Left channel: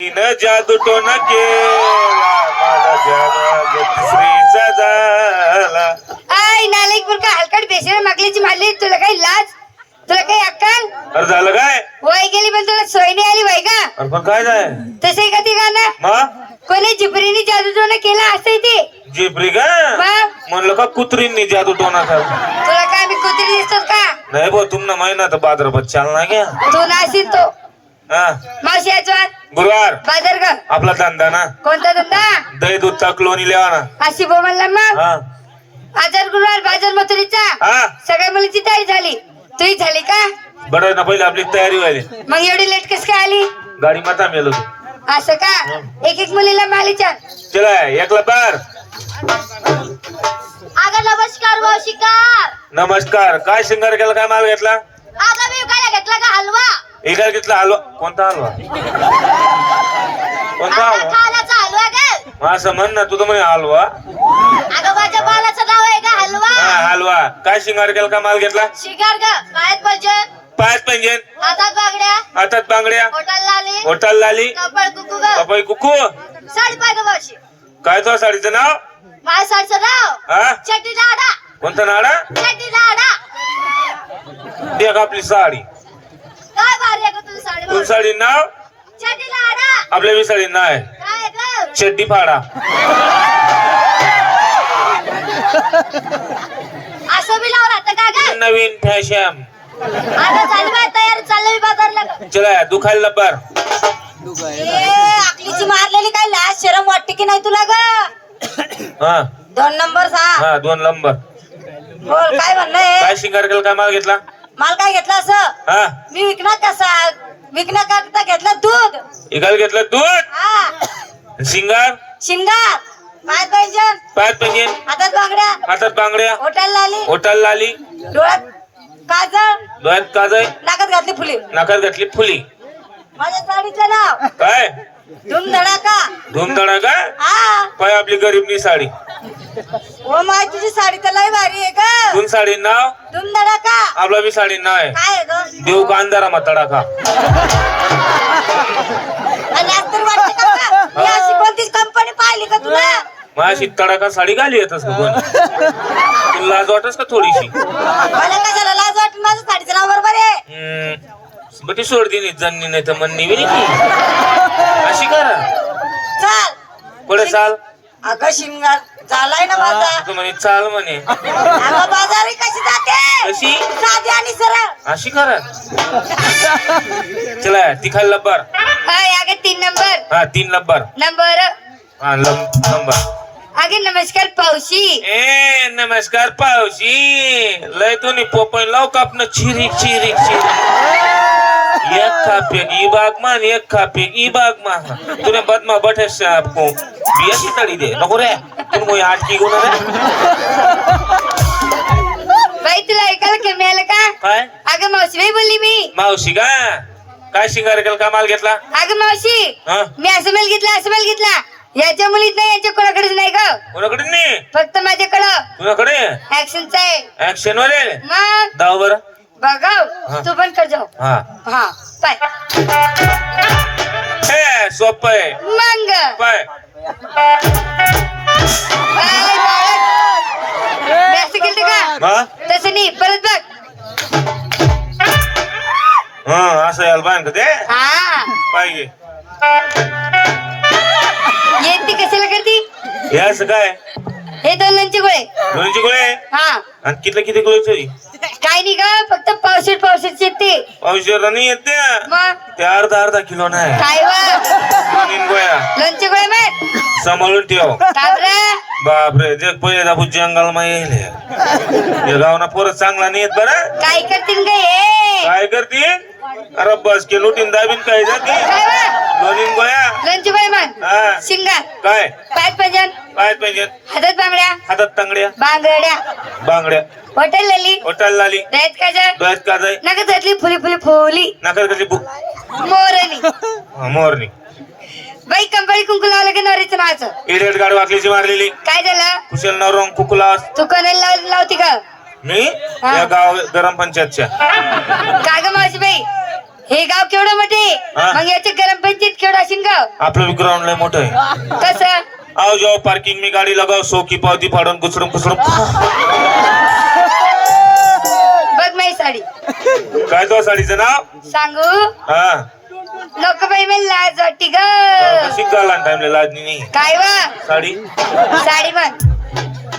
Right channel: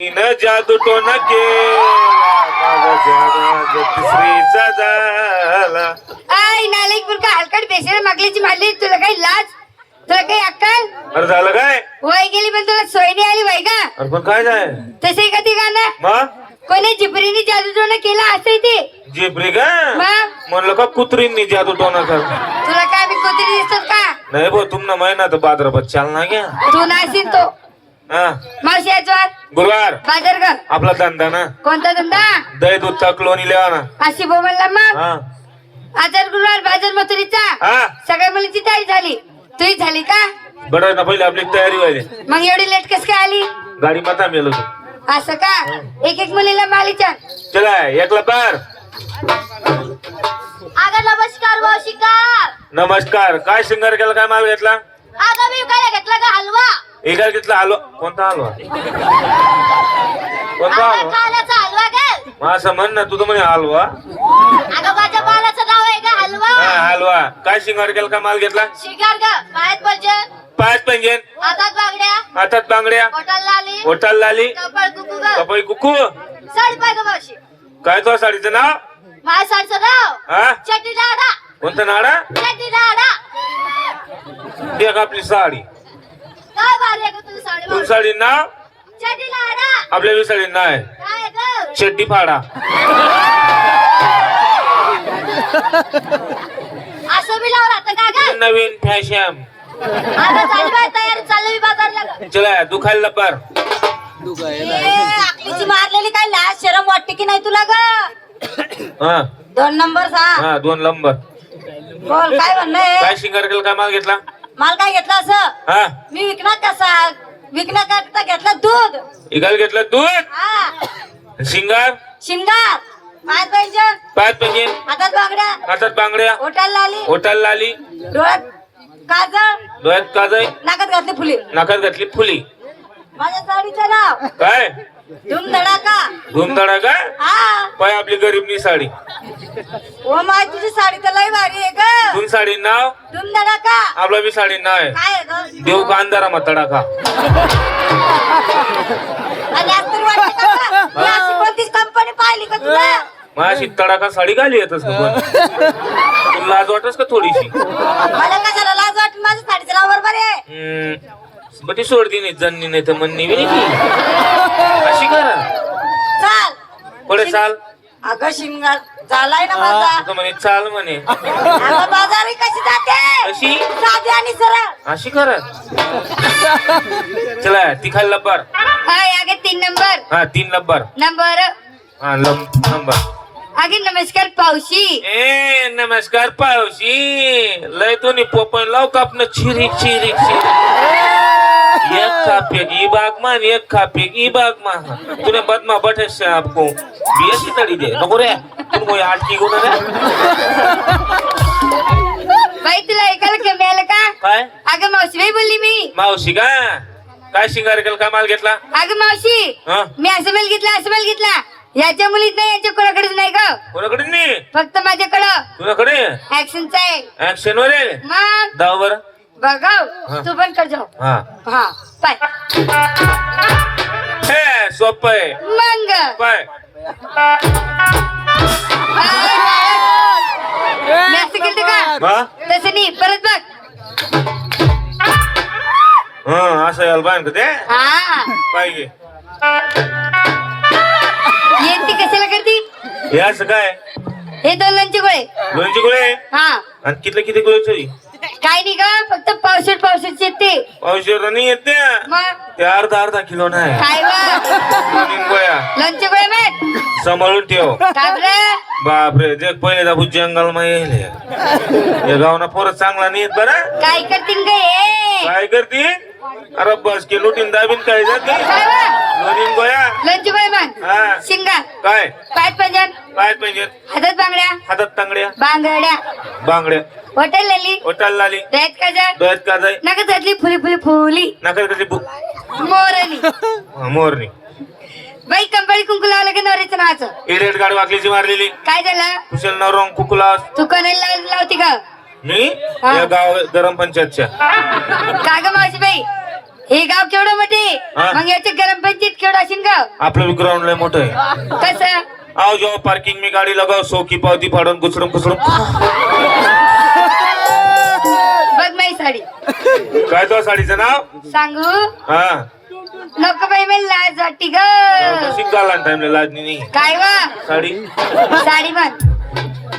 तिनं जादू टोना केला माझा तिसरीचा झाला. आय नालायक मुलगा हलकट बेसन मागलीची मारली. तुला काही लाज, तुला काही अक्कल? अरे झालं काय? वय गेली पण तुला सोय नाही आली वय का? अरे पण काय जाय तसे का ते गाणं? मग कोणी जिबरीने जादू टोना केला असं ते? जिबरी का मग म्हणलं का कुत्रींनी जादू टोना कर. तुला काय आम्ही कुत्री दिसतो का? नाही भाऊ तुमना महिना तर बाजारात चालना घ्या. तू नाशील तो हा मावशी आजवार गुरुवार बाजार का? आपला धंदा ना कोणता धंदा? दही दूध तक लोणी लेवा ना. अशी बोल म्हणला मग हा आजार गुरुवार बाजार मथुरीचा हा सगळ्या मुलीची तयारी झाली. तुही झाली का? बरं ना पहिलं आपली तयारी व्हायली. मग एवढी लेट कस काय आली? गाडी माता मेलो तू. असं का? एक एक मुलीला मालीच्या. चला एकला पार. अगं नमस्कार मावशीकार. नमस्कार. काय शिंगार केला? काय माल घेतला? अगं मी काय घेतला का हलवा? एकाला घेतला हलवा. कोणता हलवा? कोणता हलवा? कालाचा हलवा का? असं म्हण ना तुझं म्हणे हलवा. अगं माझ्या बालाचं नाव आहे का हलवा? हा हलवा. काय शिंगार केला? काय माल घेतला? शिकार का? पायात पाहिजे, पाच पंजन, हातात बांगड्या, हातात बांगड्या, पोटाला लाली, ओटाल लाली, कपाळ कुकू ग. कपाई कुकू. साडी पाय ग मावशी. काय तो साडीचं नाव? माझ्या साडीचं नाव हा चटी नाडा. कोणता नाडा? चटी नाडा. देख आपली साडी. काय भारी आहे ग तुझी साडी तुझ मावशी? साडी नाव? चटी नाडा. आपल्या बी साडी नाव आहे काय ग? शेट्टी फाडा. असं बी लावून राहतं का काय? नवीन फॅशन. आता चालू आहे तयारी, चालू आहे बाजारला. चला दुखायला लपर. आकलीची मारलेली काय लाज शरम वाटते की नाही तुला ग? हा 2 नंबर सांग. हा 2 नंबर. बोल काय म्हणणं? काय शिंगार केला? काय माल घेतला? माल काय घेतला असं? हा मी विकण्याकरता घेतलं दूध. एकाला घेतलं दूध. हा शिंगार शिंगार पायात पाहिजे, पाच पंजन, हातात बांगड्या, हातात बांगड्या, ओठाला लाली, ओटाल लाली, डोळ्यात काजळ, डोळ्यात काजळ, नाकात घातली फुली. नाकात घातली फुली. माझ्या साडीचं नाव काय धूम धडाका. धुमधडा का? हा पाय आपली गरीबनी साडी. ओ माय तुझी साडी तर लय भारी आहे ग. तुम साडी नाव? धूम धडाका. आपला बी साडी नाव आहे काय आहे ग? देऊ का अंधारा मग तडाखा. आणि आज तर वाटतं का बा? मी अशी कोणतीच कंपनी पाहिली का तुला? मग अशी तडाखा साडी घाली येतस तुला लाज वाटस का थोडीशी? मला काय झालं लाज वाटत? माझं साडीचं नाव बरोबर आहे. बटी सोडती नाही जन्नी नाही तर म्हणणी बी नाही. अशी करा चाल पुढे चाल. अगं शिंगार झालाय ना माझा. तू म्हणे चाल म्हणे. अगं बाजारी कशी जाते? कशी? साधी आणि सरळ. अशी करा. चला तिखाल लब्बर. आगे 3 नंबर. हा 3 लब्बर. नंबर हा नंबर. आगे नमस्कार पावशी. ए नमस्कार पावशी. लय तो नि पोपन लाव कापन चिरिक चिरिक चिरिक. एक खापेक ई बाग मान, एक खापेक ई बाग मान. तूने बदमा बठस आपको बियाची तड़ी दे नको रे. तुम मोय आटकी गुना रे. बाई तुला ऐकायला कमी आलं का? काय अगं मावशी बाई बोलली मी. मावशी का? काय शिंगार केला? काय माल घेतला? अगं मावशी हा मी असं माल घेतला, असं माल घेतला. याच्या मुलीत नाही, याच्या कोणाकडेच नाही ग. कोणाकडे नाही? फक्त माझ्याकडं तुझ्याकडे ऍक्शनचा आहे. ऍक्शन वाले मग दाव बर. बघाव तू पण कर जाऊ. हा हा पाय हे सोप आहे. मंग पाय मी असं केलं का? हा तसं नाही, परत बघ. हा असं याल बांध ते हा पाहिजे. येते कशाला करती? हे असं काय? हे 2 लंची गोळे. दोनची गोळे हा आणि किती किती गोळे चोरी? काय नाही का, फक्त पावसाळ्यात येते. औषध नाही येत ते. मग ते अर्धा किलो नाही. काय दोन गोळ्या लंची गोळे मग सांभाळून ठेव. काबरे बापरे जग पहिले दाबू जंगल मा येईल हे गावना पोरं चांगला नाही येत बरं. काय करतील ग हे? काय करते? अरे बस के लुटीन दाबीन काय जाते. दोन गोळ्या लंची गोळे मग हा शिंगार काय पायात पंजन, काय पाहिजे? हातात बांगड्या, हातात तांगड्या, बांगड्या, बांगड्या, हॉटेल लाली, ओटाल लाली, रेत काजळ, डोळ्यात काजळ, नका घातली फुली फुली फुली नाकात कशी मोरणी. मोरणी. बाई कंपनी कुंकू लावलं की नवरीचं नाचं. इडियट गाडी वाकलीची मारलेली. काय झालं? कुशल नाव रॉंग कुकुलास. तू कोणाला लावती का? मी या गाव गरम पंचायतच्या. का ग मावशी बाई हे गाव केवढं मोठे हा. मग याचे ग्रामपंचायत केवढं असेल गाव आपलं ग्राउंड लय मोठं आहे. कसं आओ जाओ पार्किंग में गाड़ी लगाओ 100 की पावती फाड़न कुचड़म कुचड़म. बघ माझी साडी काय तो साडीचं नाव? सांगू हा लोक बाई मला लाज वाटती ग कशी गाला टाइमला लाजनी नाही काय वा साडी. साडी बघ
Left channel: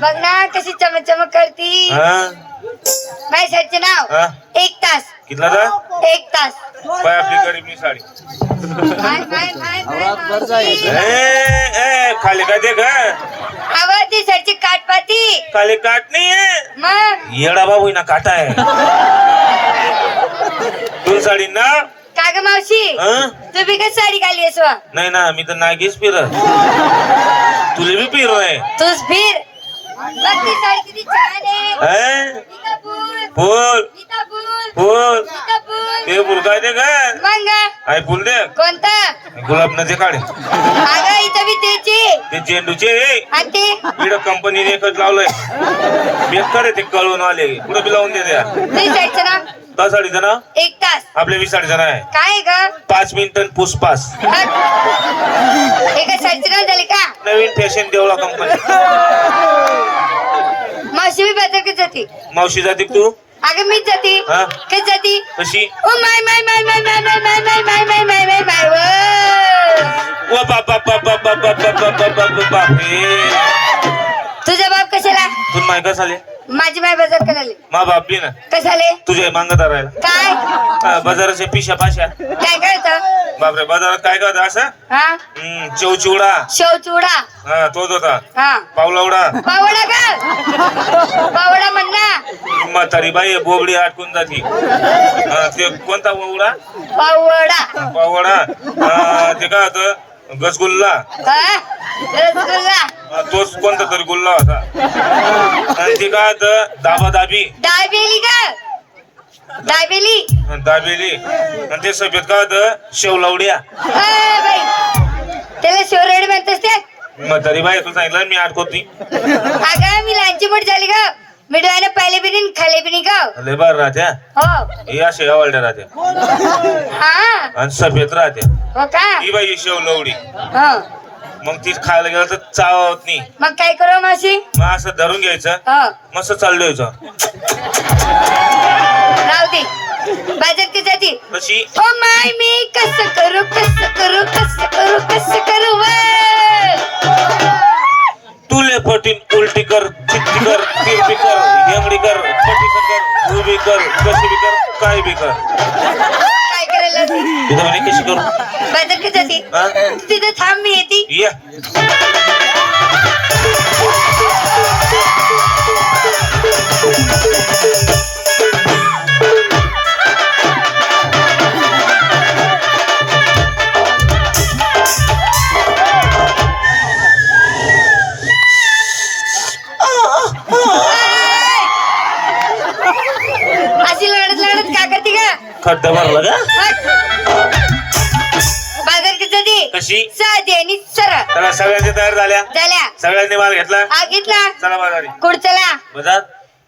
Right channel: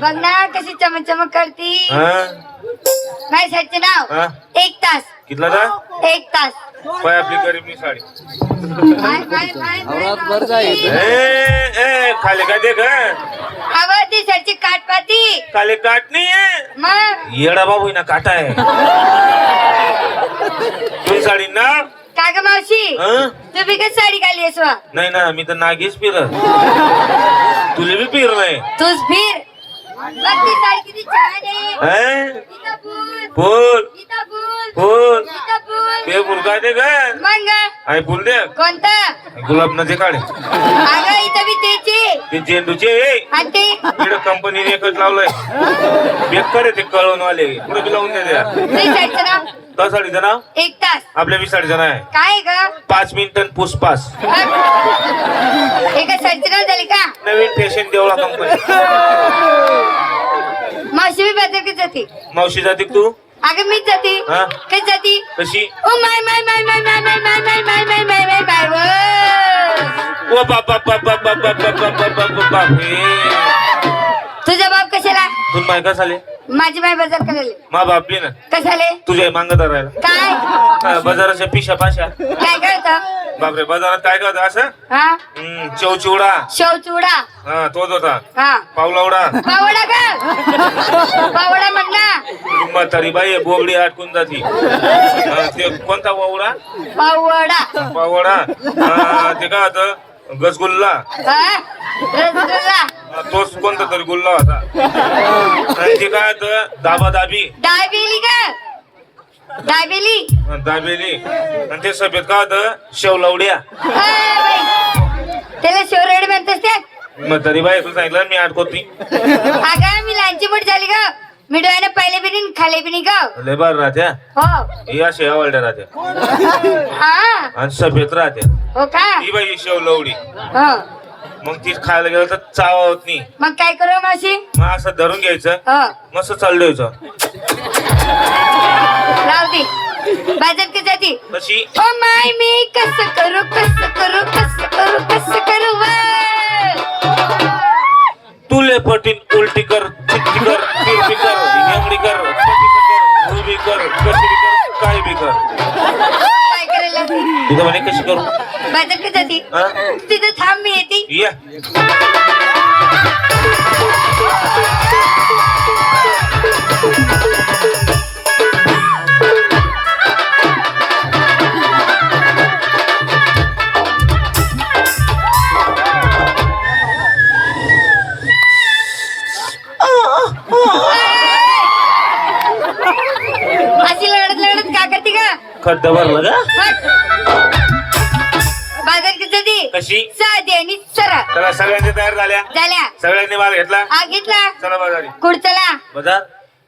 बघ ना कशी चमक चमक करती हा माझ्या साडीचं नाव हा 1 तास कितला जा 1 तास पाय आपली गरीबनी साडी. माय, माय, माय, मावशी. ए खाली का देख अवं ती साडीची काटपाती खाली काट नाही आहे मग येडा बाबू ना काटा आहे. तू साडी ना का ग मावशी हं? तू बिकट साडी घाली आहेस वा नाही ना मी तर नागीच फिर तुले भी फिर नाही तूच फिर बघ ती साडी किती छान आहे इथं फुल फुल इथं फुल फुल इथं फुल ते बुरका दे का मग आय फुल दे कोणता गुलाब न दे काढे अगं इथं बी त्याची ते झेंडूचे आणि ते इकडं कंपनीने एकच लावलंय बेकार आहे ते कळवून आले पुढे बी लावून दे द्या. ती साडीचं नाव दहा साडीचं नाव 1 तास आपल्या 20 साडीचं नाव आहे काय ग 5 मिनिटं पुसपास एका साडीचं नाव झाले का नवीन फॅशन देवळा कंपनी. मावशी बी बाजारकडे जाते मावशी जाते का तू अगं मीच जाते हा? कधी जाते कशी oh my my my my my my my my my my my my my oh बाप बाप बाप बाप बाप बाप बाप बाप बाप बाप बाप हे तुझा बाप कशाला तू माय का झाले माझी माय बाजार करायला मा बाप बी ना कशाले तुझ्या मागत राहिला काय बाजाराच्या पिशा पाशा काय करत बापरे बाजारात काय करत असं हा चिवचिवडा शेव चुडा हा तोच होता हा पावलावडा पावडा का पावडा म्हण ना म्हातारी बाई बोबडी अटकून जाती ते कोणता वावडा पावडा पावडा ते काय होतं गसगुल्ला हा रसगुल्ला तोच कोणता तरी गुल्ला होता आणि ते काय होतं दाबा दाबी दाबेली का दाबेली दाबेली आणि ते सफेद काय होतं शेवलवड्या हा बाई त्याला शेवरेड म्हणतेस ते म्हातारी बाई तुला सांगितलं मी अडकवती अगं मी लहानची मोठी झाली ग मी डोळ्याने पाहिले बी नाही खाले बी नाही ग लय बार राहत्या हो हे अशा शेवलड्या राहत्या हा आणि सफेद राहत्या हो का ही बाई शेवलवडी हो मग ती खायला गेलं तर चाव होत नाही मग काय करू मावशी मग असं धरून घ्यायचं हो मस्त चाललं यायचं राहू दे बाजार की जाती कशी ओ माय मी कसं करू कसं करू कसं करू कसं करू वा तुले पटीन उलटी कर चित्ती कर तिरपी कर हेंगडी कर पटी कर उभी कर कशी बी कर काय बी कर काय करायला तुझं म्हणे कशी करू बाजार की जाती हा? तिथे थांब मी येते या अशी लढत लढत का करते का खड्डा भरला का बाजार की जाती कशी साधी आणि सरळ चला सगळ्यांनी तयार झाल्या झाल्या सगळ्यांनी माल घेतला घेतला चला बाजारी कुडचला बाजार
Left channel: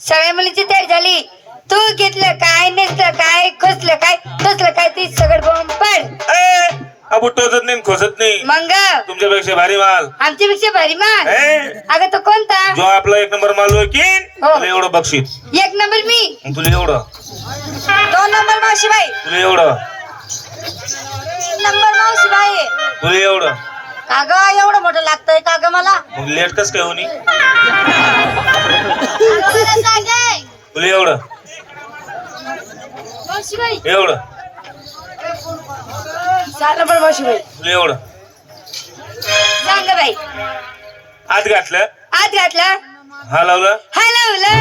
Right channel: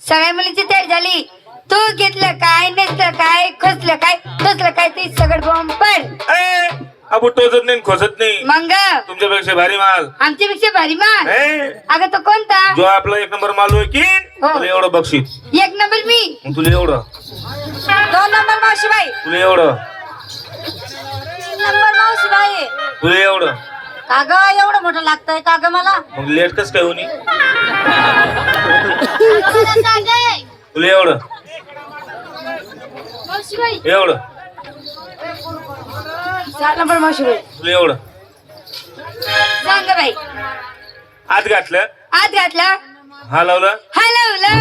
सगळ्या मुलीची तयार झाली तू घेतलं काय नेसलं काय खोसलं काय टोचलं काय ते सगळं बॉम्ब पड ए अबू टोचत नाही खोसत नाही मंग तुमच्यापेक्षा भारी माल आमच्या पेक्षा भारी मान ए, अगं तो कोणता जो आपला 1 नंबर माल होय की हो. तुला एवढं बक्षीस 1 नंबर मी मग तुला एवढं 2 नंबर मावशीबाई तुला एवढं 3 नंबर मावशीबाई तुला एवढं काग एवढं मोठं लागतंय काग मला मग लेट कस काय होणी तुला एवढं मावशीबाई एवढं 4 नंबर मावशीबाई तुला एवढं सांग बाई आत घातलं आत घातला हलवलं हलवलं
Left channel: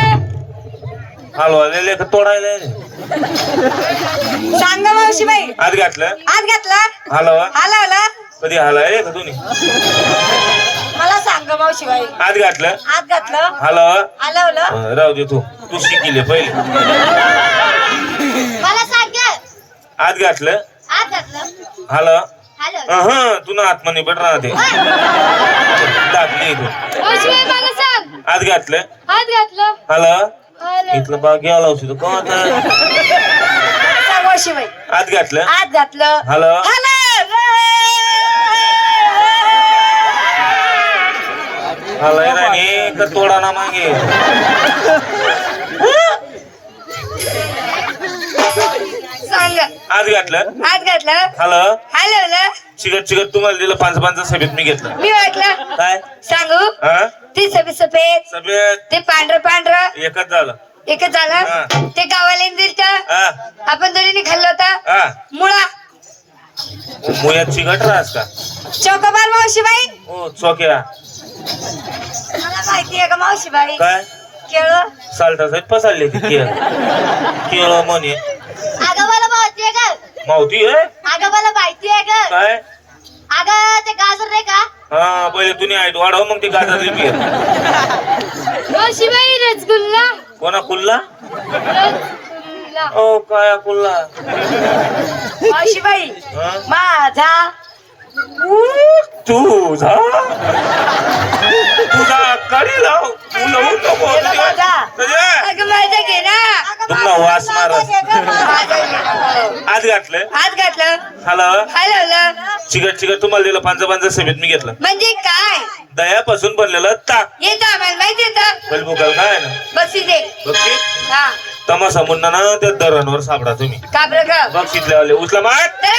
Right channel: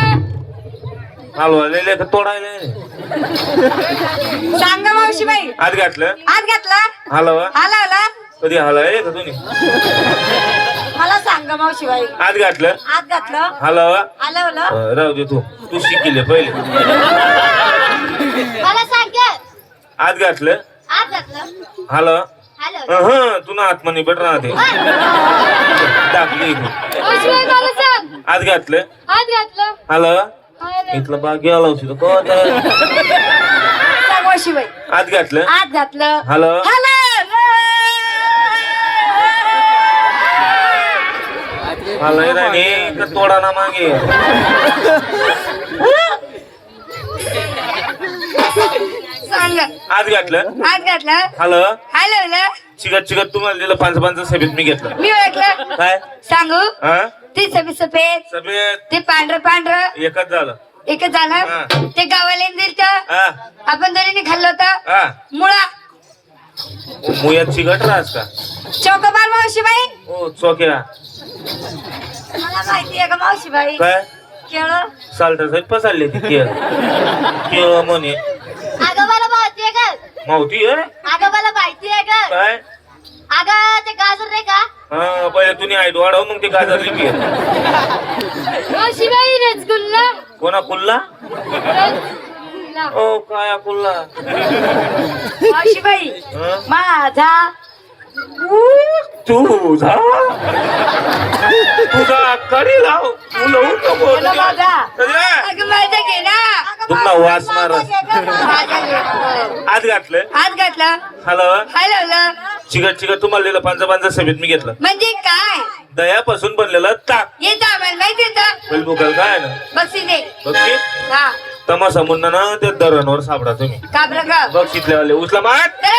हलवलेले तर तोडायला सांग मावशीबाई आत घातलं आत घातला हलवा हलवला कधी हलाय का तुम्ही मला सांग मावशीबाई आत घातलं आत घातलं हलवा हलवलं राहू दे तू शिकिले पहिले मला सांग आत घातलं आत घातलं हलवा हलवलं तू ना आत्मनी बेट राहते टाकली तू मावशीबाई मला सांग आत घातलं आत घातलं हलवा हलवलं. इथलं बाग गेला होती तो कोण मावशीबाई आत घातलं आत घातलं हॅलो हलय राणी तर तोडाला मागे सांग आत घातलं आत घातलं हॅलो हॅलो चिकट चिकट तुम्हाला दिलं 5 सभेत मी घेतलं मी वाटलं काय सांगू हा ती सफेद सभेत ते पांढरं एकच झालं एकच झालं हा. ते गावाला दिलं हा आपण दोन्ही खाल्लं होतं हा मुळा मुयात चिकट राहस का चौकोबार मावशीबाई ओ चोक्या मला माहिती आहे का मावशीबाई काय केळ साल्टाचं पसारले ती केळ केळ म्हणे अगं मला माहिती आहे का मावती आहे अगं मला माहिती आहे का काय अगं ते गाजर नाही का हा पहिले तुम्ही हाईट वाढव मग ते गाजर लिपी मावशीबाई रसगुल्ला कोणा कुल्ला रसगुल्ला ओ काय कुल्ला मावशीबाई हं? माझा तुझा कडी लाव तुला नको अगं माझा घे ना तुम्हाला वास मारस माझा घे ना. आत घातलं आत घातलं हॅलो हॅलो चिकट चिकट तुम्हाला दिलं 5 सभेत मी घेतलं म्हणजे काय दह्यापासून बनलेलं ताक येतं आम्हाला माहिती येतं बलबुकल काय ना बक्षीस बघ हा तमाशा म्हणणं ना ते दरांवर सापडा तुम्ही का बरं का बघ शिकल्यावाले उचला माठ तर